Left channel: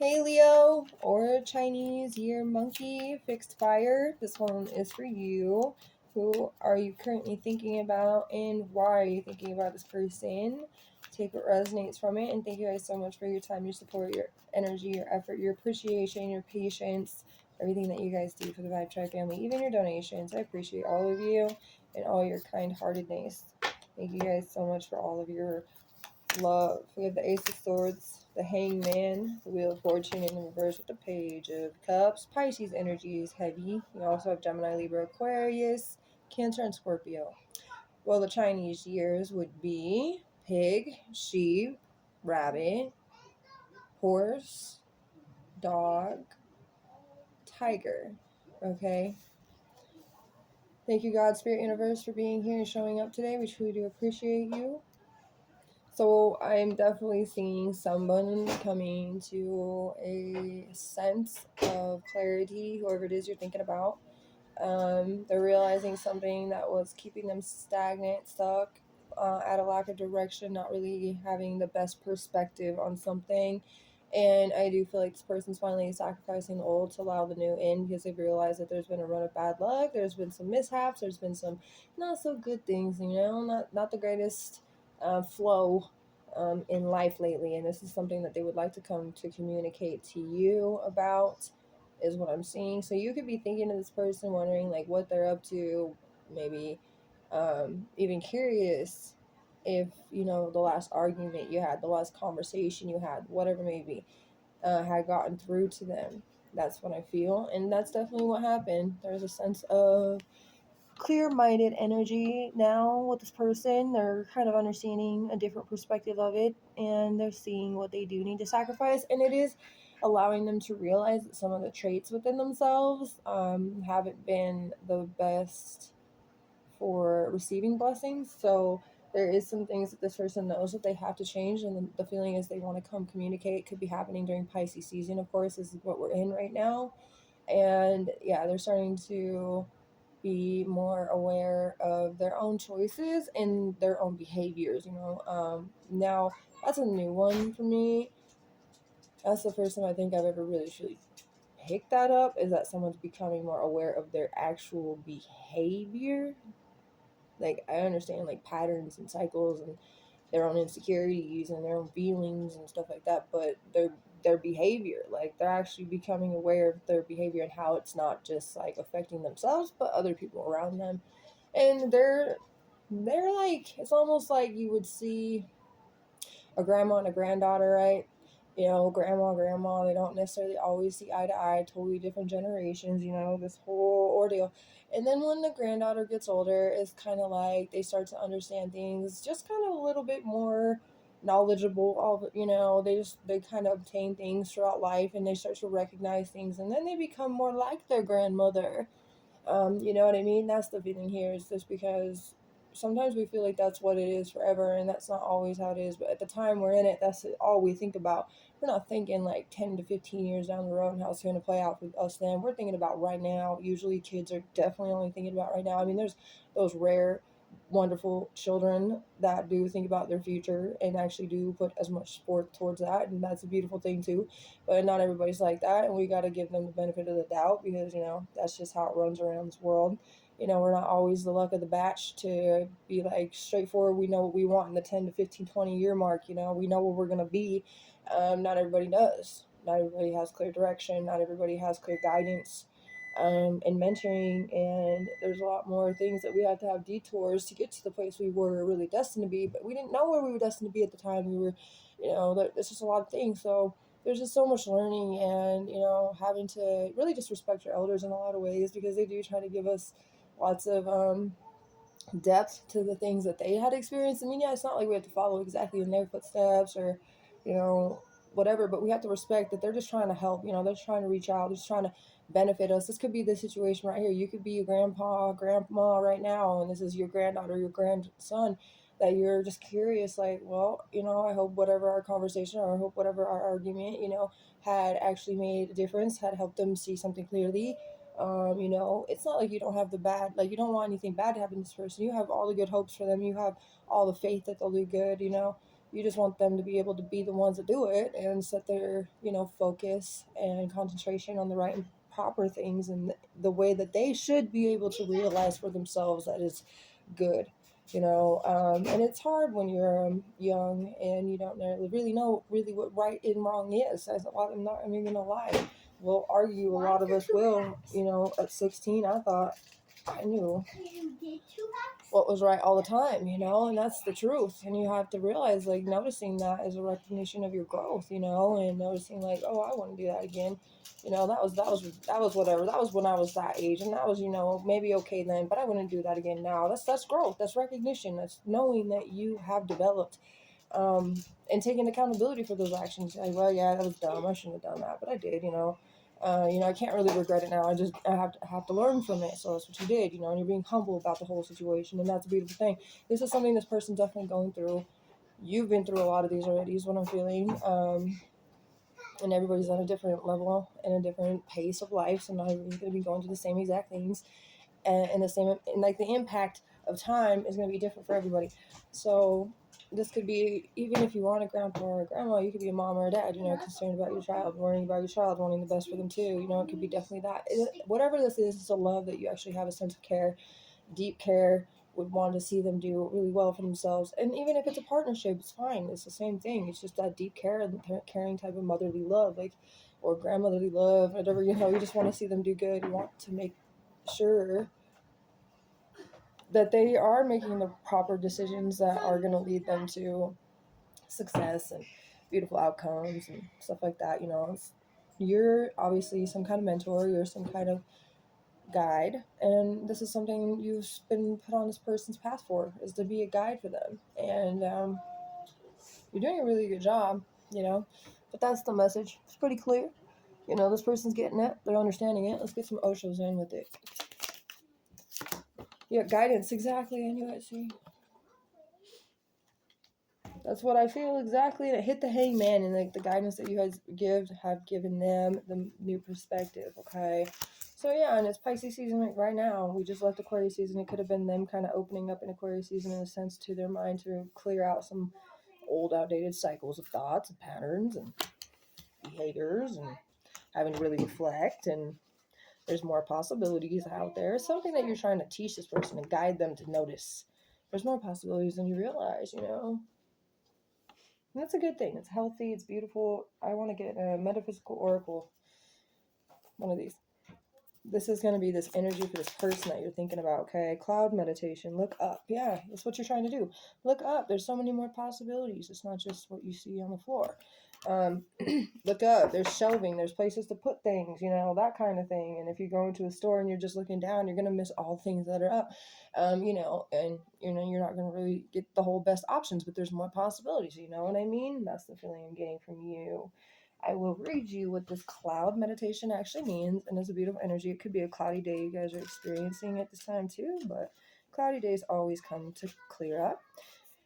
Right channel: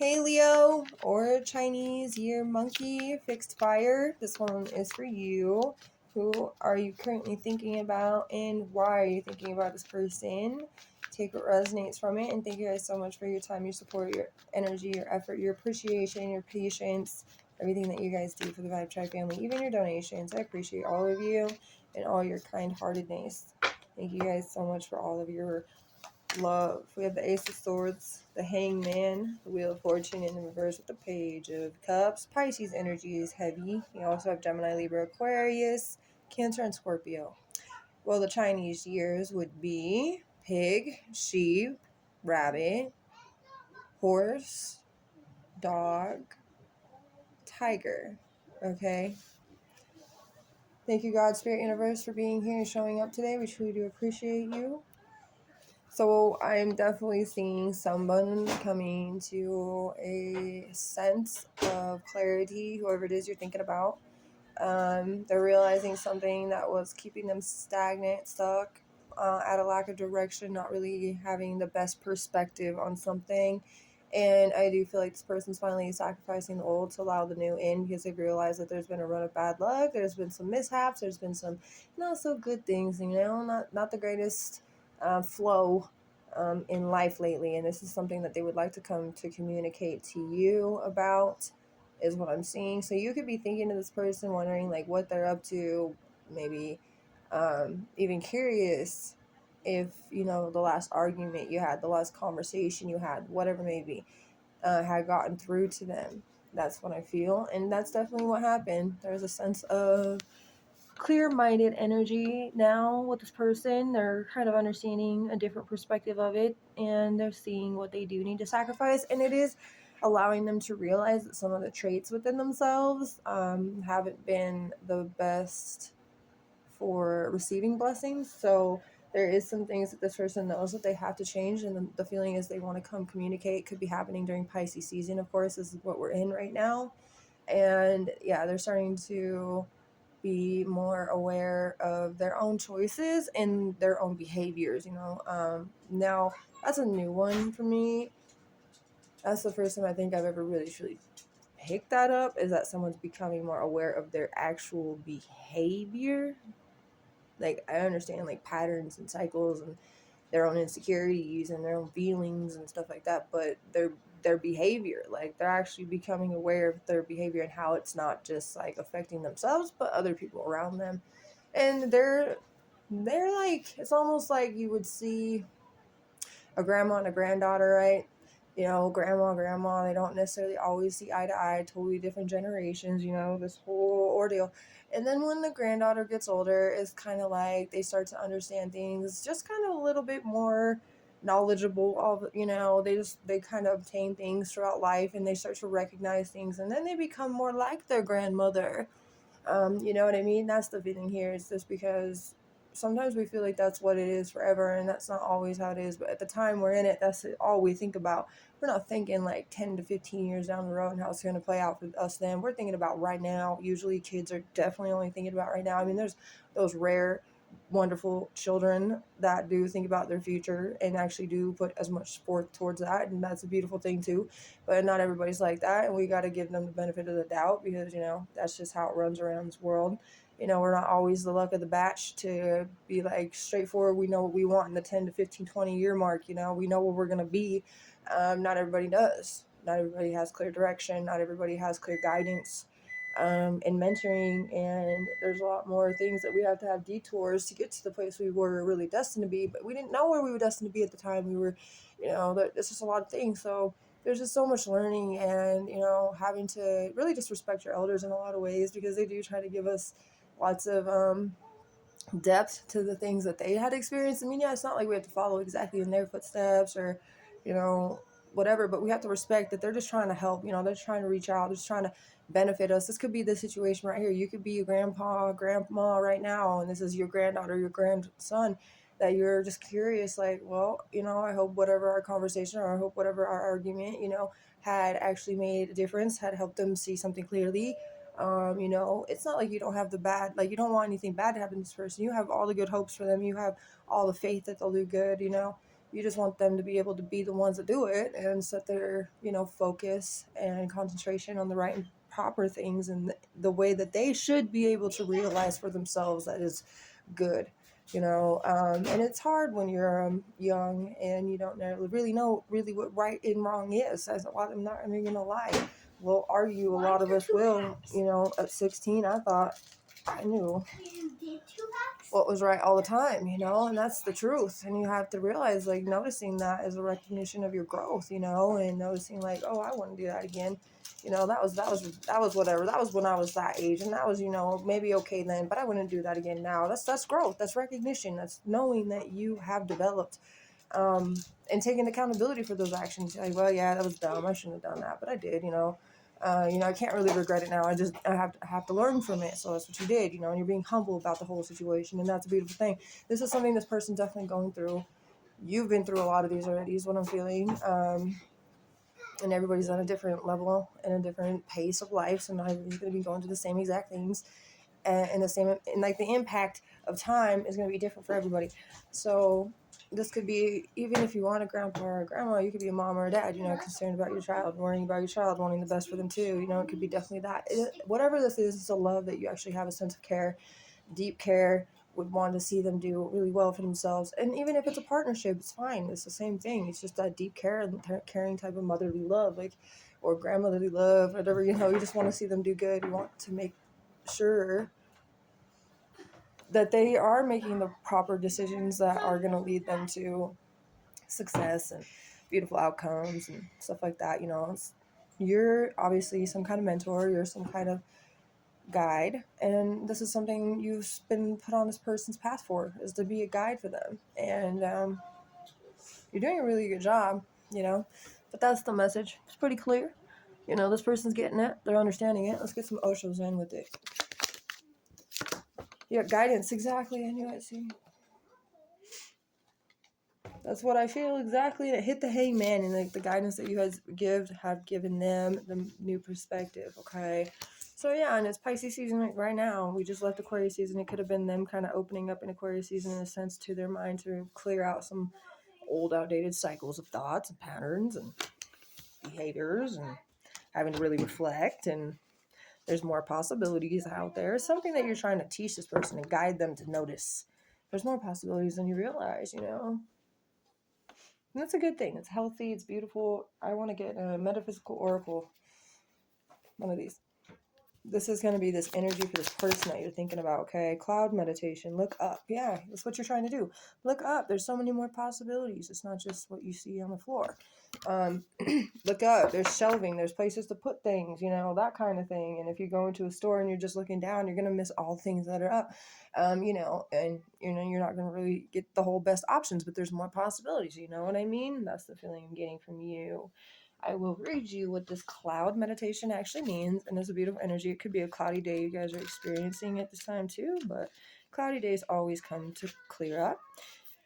Hey Leo, or Chinese year monkey, fixed fire. This one is for you. Who are you currently thinking about and why are you thinking about this person? Take what resonates from it, and thank you guys so much for your time, your support, your energy, your effort, your appreciation, your patience, everything that you guys do for the Vibe Tribe family, even your donations. I appreciate all of you and all your kind-heartedness. Thank you guys so much for all of your love. We have the Ace of Swords, the Hangman, the Wheel of Fortune in the reverse with the Page of Cups. Pisces energy is heavy. You also have Gemini, Libra, Aquarius, Cancer, and Scorpio. Well, the Chinese years would be pig, sheep, rabbit, horse, dog, tiger. Okay? Thank you, God, Spirit, Universe, for being here and showing up today. We truly do appreciate you. So I'm definitely seeing someone coming to a sense of clarity, whoever it is you're thinking about. They're realizing something that was keeping them stagnant, stuck, at a lack of direction, not really having the best perspective on something. And I do feel like this person's finally sacrificing the old to allow the new in, because they've realized that there's been a run of bad luck, there's been some mishaps, there's been some not so good things, not the greatest flow in life lately. And this is something that they would like to come to communicate to you about, is what I'm seeing. So you could be thinking of this person, wondering like what they're up to, maybe even curious if the last argument you had, the last conversation you had, whatever maybe, had gotten through to them. That's what I feel, and that's definitely what happened. There's a sense of clear-minded energy now with this person. They're kind of understanding a different perspective of it, and they're seeing what they do need to sacrifice, and it is allowing them to realize that some of the traits within themselves haven't been the best for receiving blessings. So there is some things that this person knows that they have to change, and the feeling is they want to come communicate. Could be happening during Pisces season, of course. This is what we're in right now. And yeah, they're starting to be more aware of their own choices and their own behaviors. Now that's a new one for me. That's the first time I think I've ever really truly picked that up, is that someone's becoming more aware of their actual behavior. Like, I understand like patterns and cycles and their own insecurities and their own feelings and stuff like that, but their behavior, like they're actually becoming aware of their behavior and how it's not just like affecting themselves but other people around them. And they're like, it's almost like you would see a grandma and a granddaughter, right? Grandma, they don't necessarily always see eye to eye, totally different generations, this whole ordeal. And then when the granddaughter gets older, it's kind of like they start to understand things just kind of a little bit more knowledgeable of, they kind of obtain things throughout life, and they start to recognize things, and then they become more like their grandmother. You know what I mean? That's the feeling here. It's just because sometimes we feel like that's what it is forever, and that's not always how it is. But at the time we're in it, that's all we think about. We're not thinking like 10 to 15 years down the road and how it's going to play out for us then. We're thinking about right now. Usually kids are definitely only thinking about right now. I mean, there's those rare, wonderful children that do think about their future and actually do put as much forth towards that, and that's a beautiful thing too. But not everybody's like that, and we got to give them the benefit of the doubt, because that's just how it runs around this world. We're not always the luck of the batch to be like straightforward. We know what we want in the 10 to 15, 20 year mark. We know where we're going to be. Not everybody does. Not everybody has clear direction. Not everybody has clear guidance and mentoring. And there's a lot more things that we have to have detours to get to the place we were really destined to be. But we didn't know where we were destined to be at the time. We were, there's just a lot of things. So there's just so much learning, and having to really just respect your elders in a lot of ways, because they do try to give us lots of depth to the things that they had experienced. I mean, yeah, it's not like we have to follow exactly in their footsteps or whatever, but we have to respect that they're just trying to help. They're trying to reach out, they're just trying to benefit us. This could be the situation right here. You could be a grandpa, grandma right now, and this is your granddaughter, your grandson, that you're just curious, like, well, I hope whatever our conversation, or I hope whatever our argument, had actually made a difference, had helped them see something clearly. It's not like you don't have the bad, like you don't want anything bad to happen to this person. You have all the good hopes for them. You have all the faith that they'll do good, You just want them to be able to be the ones that do it and set their, focus and concentration on the right and proper things and the way that they should be able to realize for themselves that is good. And it's hard when you're young and you don't really know really what right and wrong is. I'm not even gonna lie. We'll argue. A lot of us will. At 16, I thought I knew what was right all the time, and that's the truth. And you have to realize, like, noticing that is a recognition of your growth, and noticing, like, oh, I want to do that again. That was whatever. That was when I was that age, and that was, maybe okay then, but I wouldn't do that again now. That's growth. That's recognition. That's knowing that you have developed, and taking accountability for those actions. Like, well, yeah, that was dumb. I shouldn't have done that, but I did. I can't really regret it now. I have to learn from it. So that's what you did. And you're being humble about the whole situation, and that's a beautiful thing. This is something this person's definitely going through. You've been through a lot of these already, is what I'm feeling. And everybody's on a different level and a different pace of life, so not everybody's going to be going through the same exact things, and like the impact of time is going to be different for everybody. So this could be, even if you want a grandpa or a grandma, you could be a mom or a dad, concerned about your child, worrying about your child, wanting the best for them too. It could be definitely that. Whatever this is, it's a love that you actually have a sense of care, deep care, would want to see them do really well for themselves. And even if it's a partnership, it's fine. It's the same thing. It's just that deep care and caring type of motherly love, like, or grandmotherly love, whatever, you just want to see them do good. You want to make sure that they are making the proper decisions that are going to lead them to success and beautiful outcomes and stuff like that. You're obviously some kind of mentor, you're some kind of guide, and this is something you've been put on this person's path for, is to be a guide for them. And you're doing a really good job, but that's the message. It's pretty clear. This person's getting it, they're understanding it. Let's get some Oshos in with it. Yeah, guidance, exactly. I knew it. See, that's what I feel exactly. And it hit the hangman, and like the guidance that you guys have given them the new perspective. Okay. So yeah, and it's Pisces season right now. We just left Aquarius season. It could have been them kind of opening up in Aquarius season in a sense to their mind to clear out some old outdated cycles of thoughts and patterns and behaviors, and having to really reflect. And there's more possibilities out there. It's something that you're trying to teach this person and guide them to notice. There's more possibilities than you realize, And that's a good thing. It's healthy. It's beautiful. I want to get a metaphysical oracle. One of these. This is going to be this energy for this person that you're thinking about. Okay. Cloud meditation. Look up. Yeah. That's what you're trying to do. Look up. There's so many more possibilities. It's not just what you see on the floor. Look up. There's shelving. There's places to put things, that kind of thing. And if you go into a store and you're just looking down, you're going to miss all things that are up. And you're not going to really get the whole best options, but there's more possibilities. You know what I mean? That's the feeling I'm getting from you. I will read you what this cloud meditation actually means, and it's a beautiful energy. It could be a cloudy day you guys are experiencing at this time too, but cloudy days always come to clear up.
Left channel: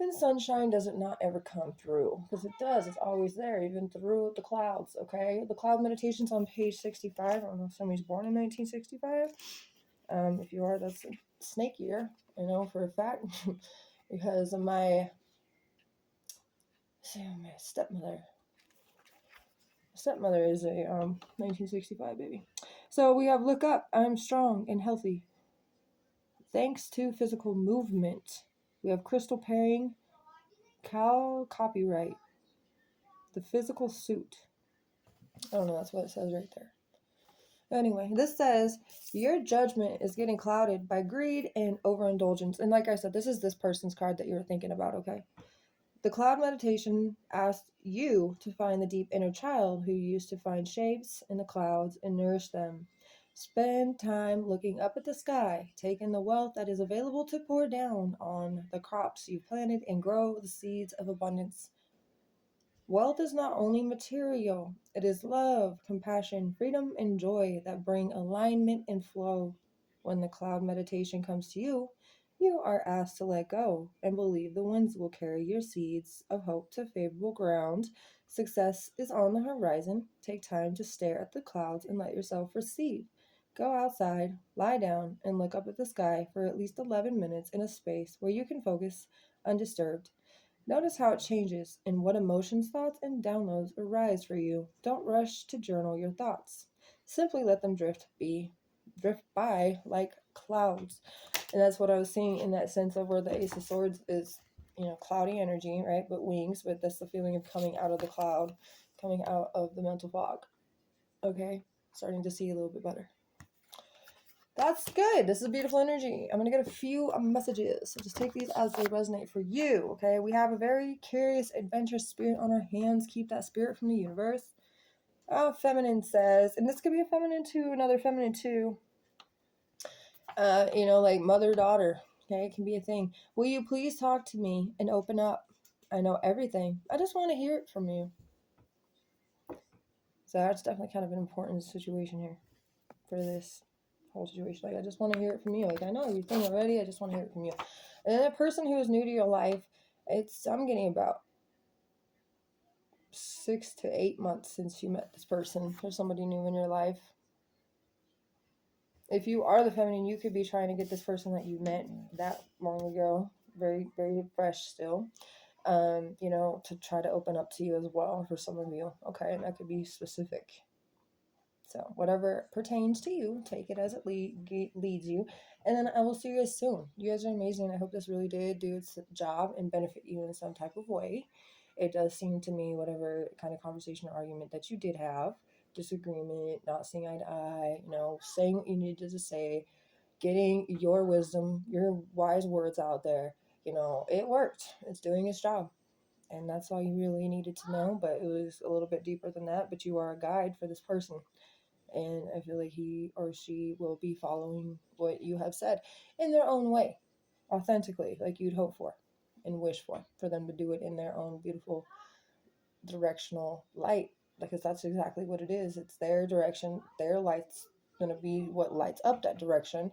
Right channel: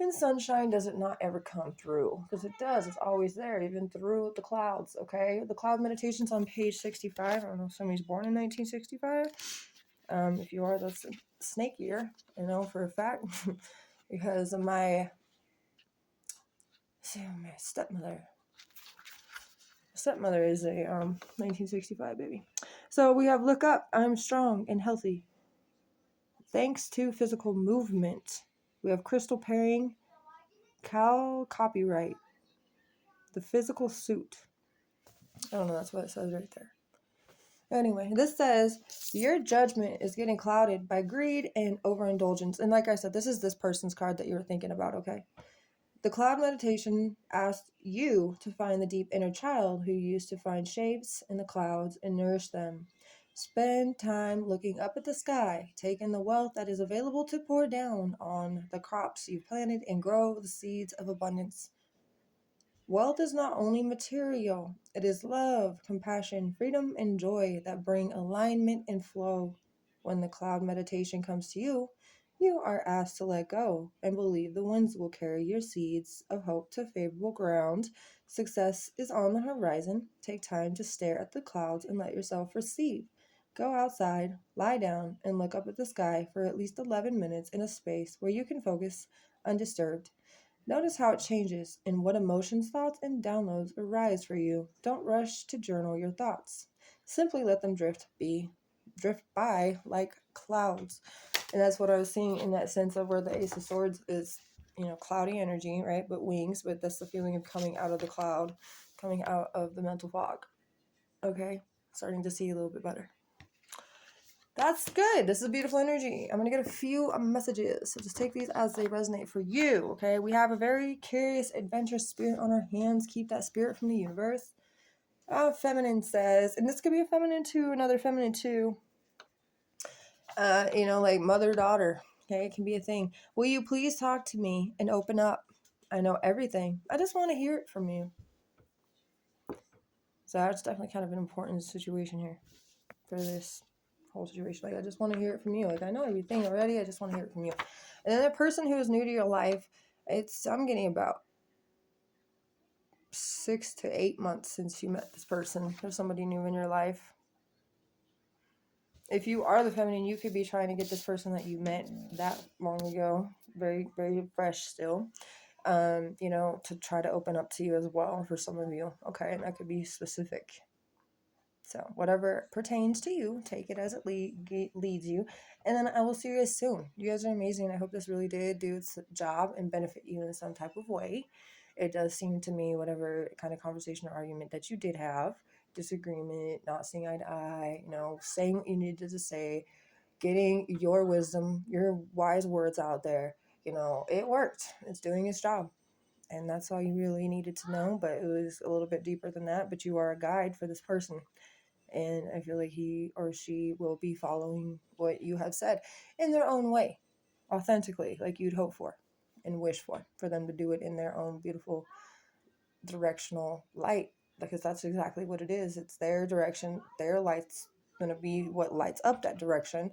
And sunshine doesn't not ever come through, because it does. It's always there, even through the clouds, okay? The cloud meditation's on page 65. I don't know if somebody's born in 1965. If you are, that's a snake year, for a fact. Because of my stepmother. Stepmother is a 1965 baby. So we have look up, I'm strong and healthy. Thanks to physical movement. We have crystal pairing, cow copyright. The physical suit. I don't know, that's what it says right there. Anyway, this says, your judgment is getting clouded by greed and overindulgence. And like I said, this is this person's card that you were thinking about, okay? The cloud meditation asks you to find the deep inner child who used to find shapes in the clouds and nourish them. Spend time looking up at the sky, taking the wealth that is available to pour down on the crops you've planted and grow the seeds of abundance. Wealth is not only material, it is love, compassion, freedom, and joy that bring alignment and flow. When the cloud meditation comes to you, you are asked to let go and believe the winds will carry your seeds of hope to favorable ground. Success is on the horizon. Take time to stare at the clouds and let yourself receive. Go outside, lie down, and look up at the sky for at least 11 minutes in a space where you can focus undisturbed. Notice how it changes and what emotions, thoughts, and downloads arise for you. Don't rush to journal your thoughts. Simply let them drift by like clouds. And that's what I was seeing in that sense of where the Ace of Swords is, cloudy energy, right? But wings, but that's the feeling of coming out of the cloud, coming out of the mental fog. Okay? Starting to see a little bit better. That's good. This is a beautiful energy. I'm going to get a few messages. So just take these as they resonate for you. Okay. We have a very curious, adventurous spirit on our hands. Keep that spirit from the universe. Feminine says, and this could be a feminine too, another feminine too. Like mother daughter. Okay. It can be a thing. Will you please talk to me and open up? I know everything. I just want to hear it from you. So that's definitely kind of an important situation here for this whole situation. Like, I just want to hear it from you. Like, I know everything already. I just want to hear it from you. And then the person who is new to your life, I'm getting about 6 to 8 months since you met this person. There's somebody new in your life. If you are the feminine, you could be trying to get this person that you met that long ago, very, very fresh still, to try to open up to you as well for some of you. Okay, and that could be specific. So whatever pertains to you, take it as it leads you. And then I will see you guys soon. You guys are amazing. I hope this really did do its job and benefit you in some type of way. It does seem to me, whatever kind of conversation or argument that you did have, disagreement, not seeing eye to eye, saying what you needed to say, getting your wisdom, your wise words out there, it worked. It's doing its job. And that's all you really needed to know. But it was a little bit deeper than that. But you are a guide for this person. And I feel like he or she will be following what you have said in their own way, authentically, like you'd hope for and wish for them to do it in their own beautiful directional light, because that's exactly what it is. It's their direction, their light's going to be what lights up that direction.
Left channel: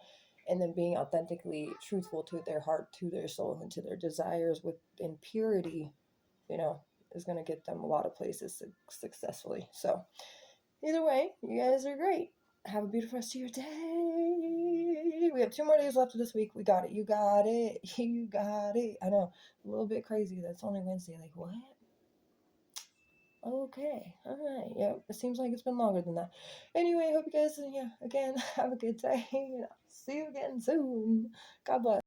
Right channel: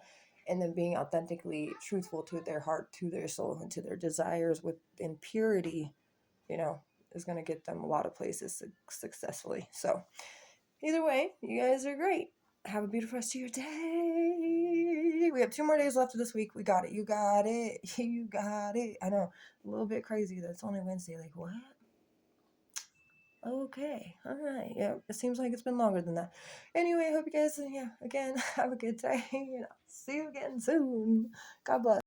And then being authentically truthful to their heart, to their soul, and to their desires in purity, is going to get them a lot of places successfully. So either way, you guys are great. Have a beautiful rest of your day. We have 2 more days left of this week. We got it. You got it. You got it. I know. A little bit crazy. That's only Wednesday. Like, what? Okay. All right. Yeah. It seems like it's been longer than that. Anyway, I hope you guys, again, have a good day. See you again soon. God bless.